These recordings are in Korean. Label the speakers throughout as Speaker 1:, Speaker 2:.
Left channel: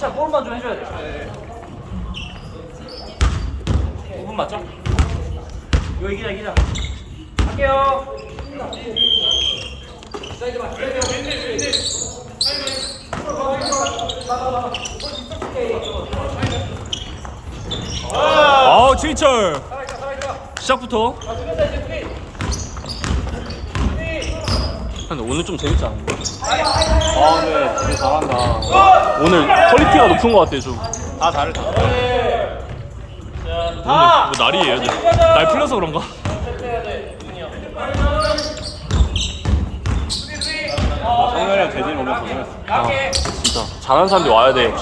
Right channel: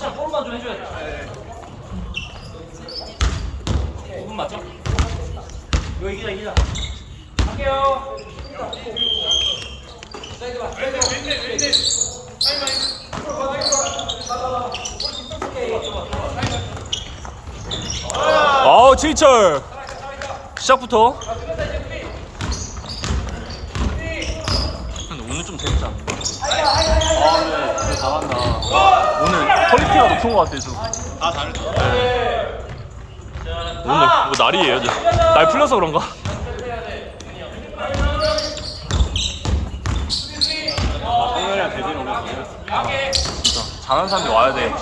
Speaker 1: 자, 볼만 좀 해줘야 돼. 5분 맞죠? 이거 이기자, 이기자. 갈게요. 사이드만, 사이드.
Speaker 2: 아 진철 시작부터 근데 오늘 좀 재밌지 않아? 오늘 퀄리티가 높은 것 같아 좀.
Speaker 3: 다 다르다.
Speaker 2: 오늘 뭐 날이 여기 날 풀려서 그런가?
Speaker 3: 오늘은 대진 너무 좋았어.
Speaker 2: 진짜 잘하는 사람들이 와야 돼.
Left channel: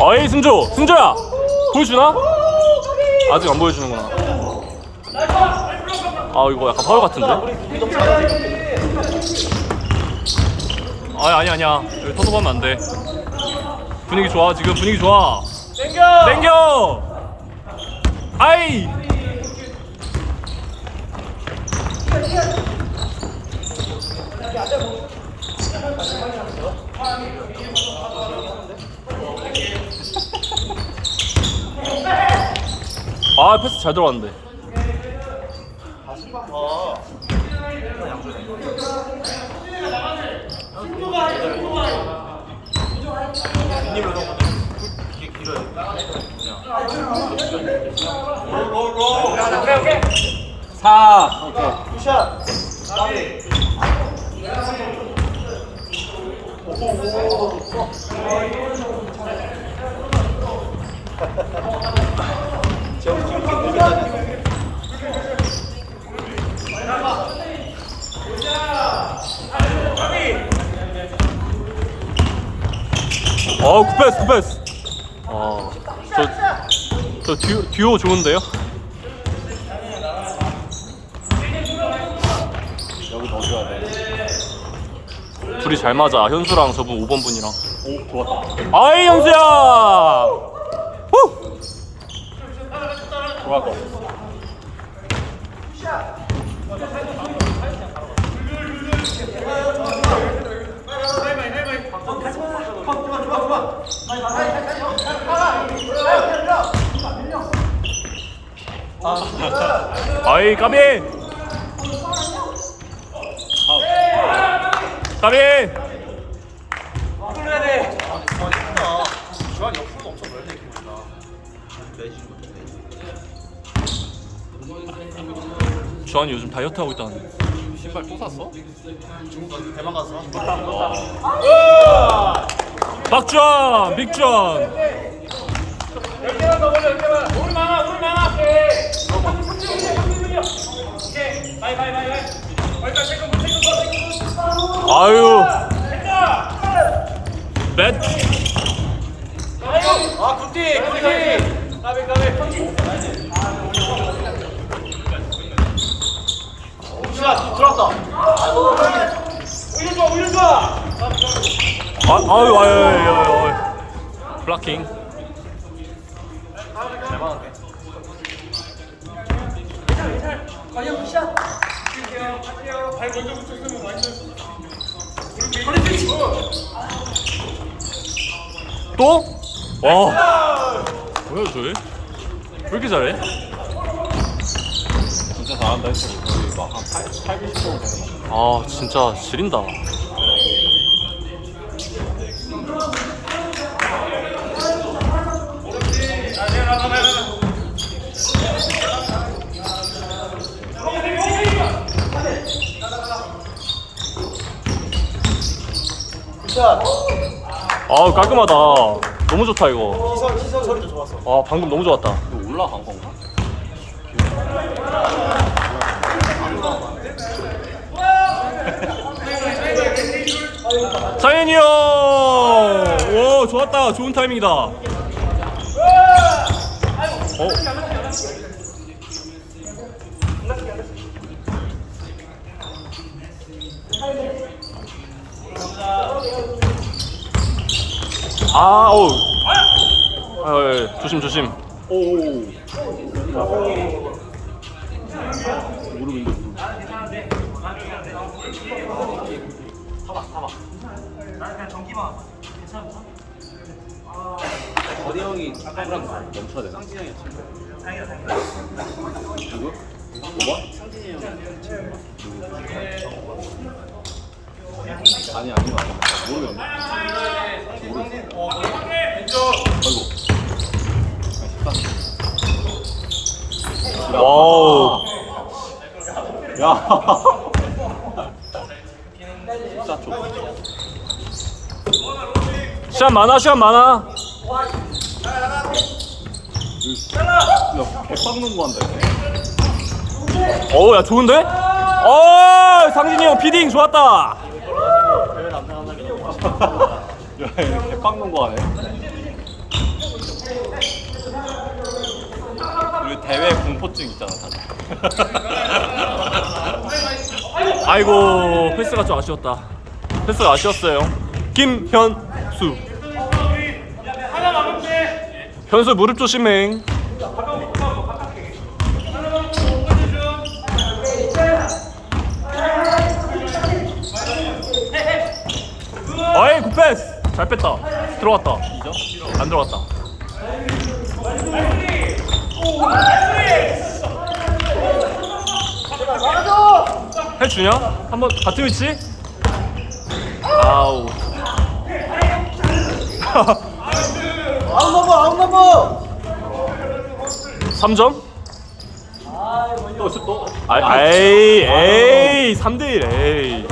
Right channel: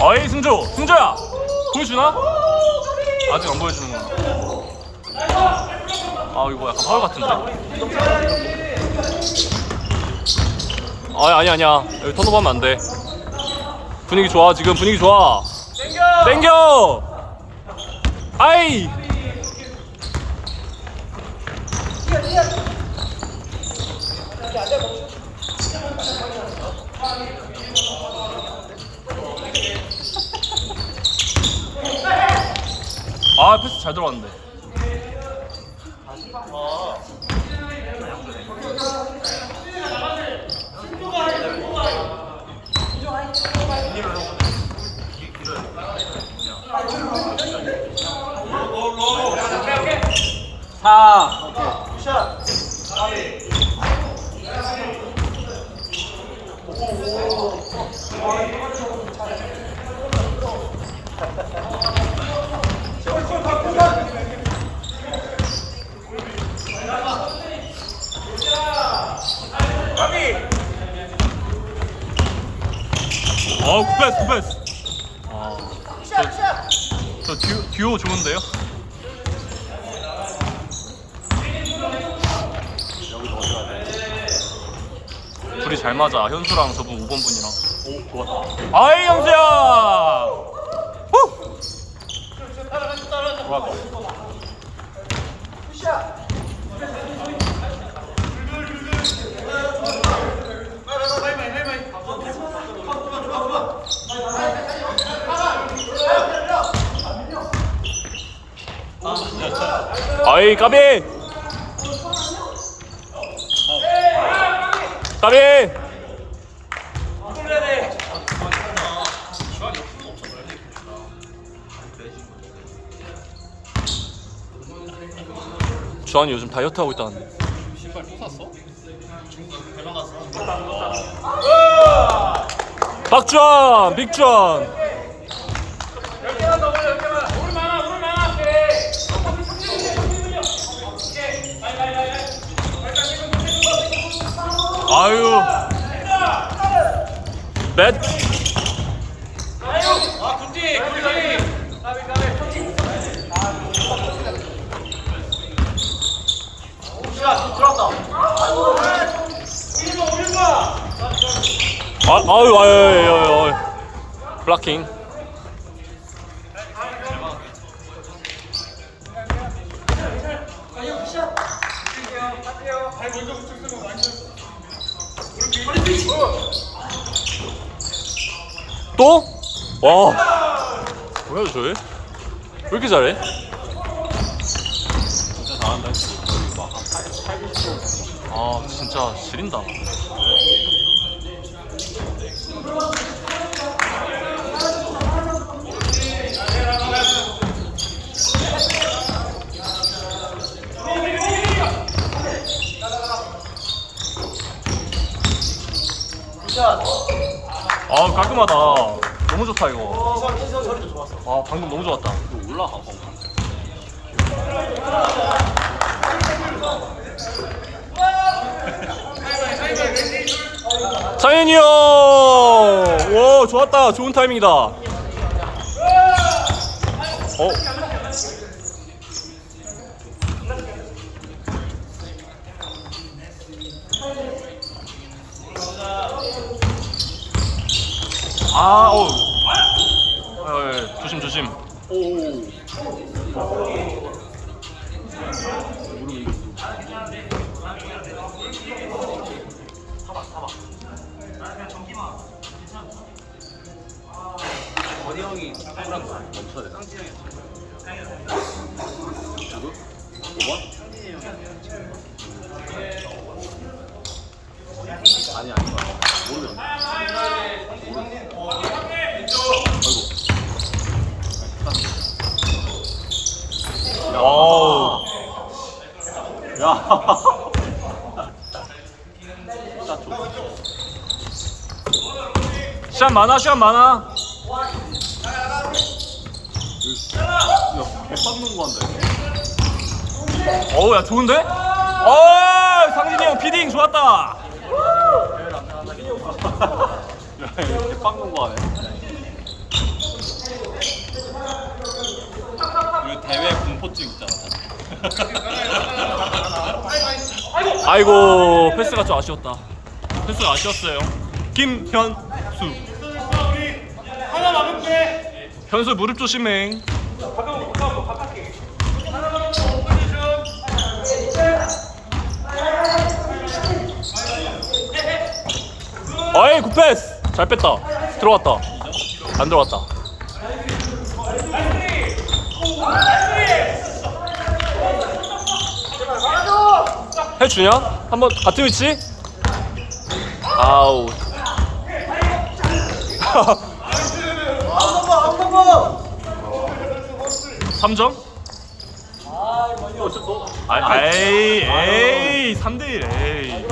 Speaker 2: 어이 승조 승조야 보여주나? 아직 안 보여주는구나. 아 이거 약간 파울 같은데? 아니 아니 아니야 여기 턴오버하면 안 돼. 분위기 좋아 지금 분위기 좋아. 땡겨 땡겨. 아이. 아 패스 잘 들어갔는데.
Speaker 3: 사.
Speaker 2: 어 굿패스 굿패스. 아저저 듀오, 듀오 좋은데요? 둘이 잘 맞아 현수랑 저분 5번 분이랑.
Speaker 3: 오, 좋았다.
Speaker 2: 아이 현수야. 후.
Speaker 3: 좋았다.
Speaker 2: 아이 까비. 까비. 주한이 요즘 다이어트 하고 있다는데.
Speaker 3: 신발 또 샀어? 중국 대만 가서
Speaker 2: 박주한, 빅주한. 아유. 넷.
Speaker 1: 아, 굿디, 굿디.
Speaker 2: 아, 아유, 아유, 아유, 아유. 블락킹. 또? 와. 뭐야, 저 왜? 왜 이렇게 잘해? 아, 진짜 지린다. 아 깔끔하다. 너무 좋다 이거. 아 방금 너무 좋았다.
Speaker 3: 건가?
Speaker 2: 장현이 형! 오 좋았다. 좋은 타이밍이다. 어. 아, 오. 아, 예, 조심 조심.
Speaker 3: 오.
Speaker 1: 어디 형이 아까 그런 거
Speaker 3: 멈춰야 되나? 누구? 뭐? 아니 아니 모르네
Speaker 2: 와우.
Speaker 3: 야
Speaker 2: 시간 많아, 시간 많아.
Speaker 3: 개빵는 거 한다
Speaker 2: 어우, 야, 좋은데? 어, 상진이 형 피딩 좋았다.
Speaker 3: 개빵는 거 하네 우리 대회 공포증 있잖아 다들
Speaker 2: 아이고, 패스가 좀 아쉬웠다. 패스가 아쉬웠어요. 김현수. 현수 무릎 조심해. 어이, 굿패스. 잘 뺐다. 들어갔다. 안 들어갔다. 해주냐? 한번 같은 위치? 아우. 삼점 아, 에이, 에이, 3대1, 에이.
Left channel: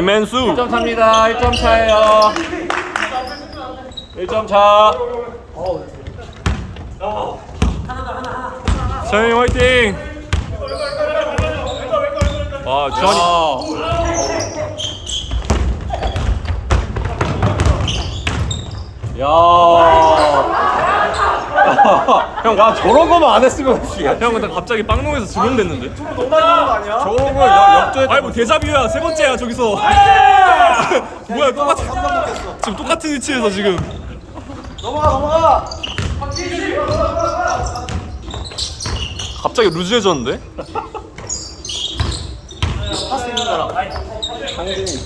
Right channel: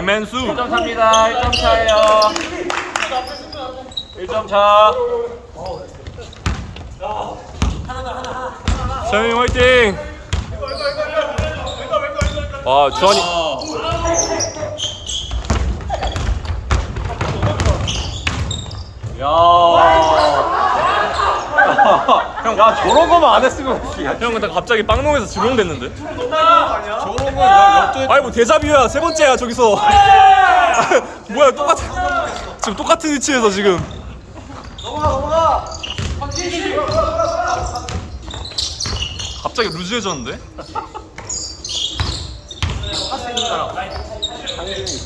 Speaker 2: 김현수.
Speaker 1: 1점 차입니다 1점 차예요 1점 차
Speaker 2: 서영이 화이팅! 아, 주한이.
Speaker 3: 야. 형, 야, 저런 거만 안 했으면 그렇지.
Speaker 2: 형, 근데 갑자기 빵롱에서 지명됐는데?
Speaker 3: 저런 거 역도에
Speaker 2: 아니, 뭐, 데자뷰야. 세 번째야, 저기서. 뭐야, 똑같은. 지금 똑같은 위치에서 지금. 갑자기 루즈해졌는데?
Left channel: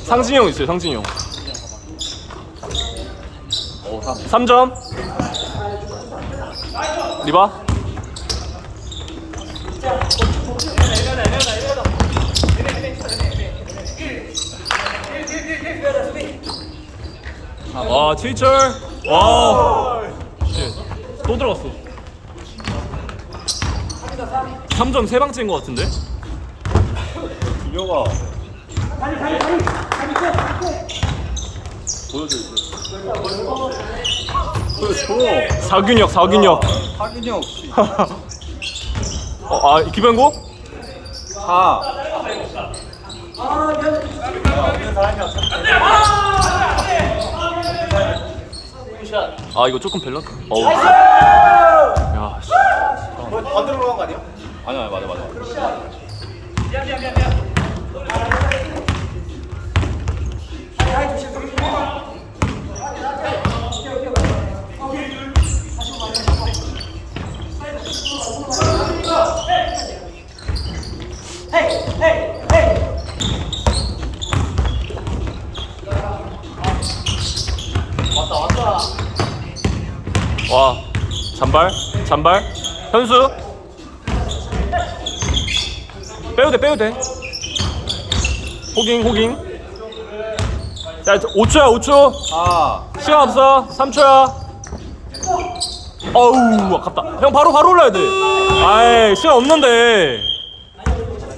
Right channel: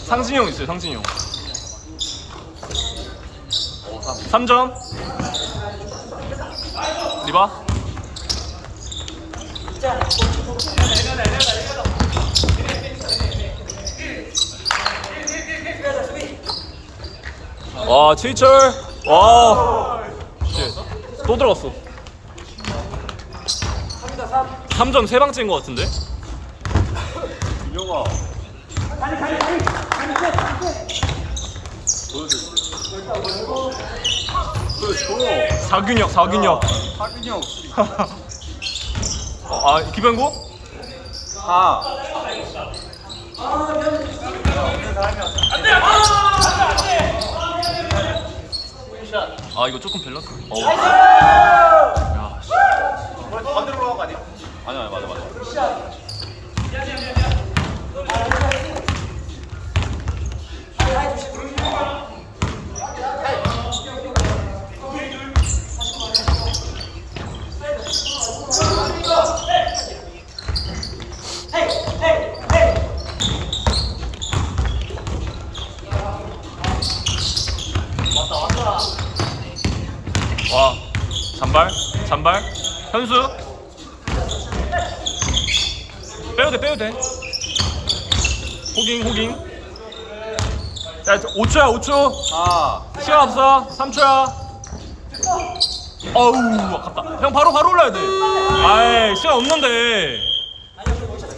Speaker 2: 상진이 형 있어요, 상진이 형. 3점. 리바. 와, 최희철. 와. 또 들어갔어. 3점 세 방째인 것 같은데?
Speaker 3: 유명아. 보여줘.
Speaker 2: 사균혁, 사균혁.
Speaker 3: 하균 이형 씨.
Speaker 2: 어, 아, 기변고?
Speaker 3: 아.
Speaker 2: 아, 이거 조금 밸런스. 어우. 야, 씨.
Speaker 3: 아니 아니 맞아 맞아.
Speaker 2: 와, 잔발, 잔발. 현수. 빼도 돼, 빼도 돼. 호깅, 호깅. 자, 5초야, 5초.
Speaker 3: 아.
Speaker 2: 시간 없어. 3초야. 어우, 아깝다. 형 바로 바로 올라야 돼. 아이, 시간 없는데.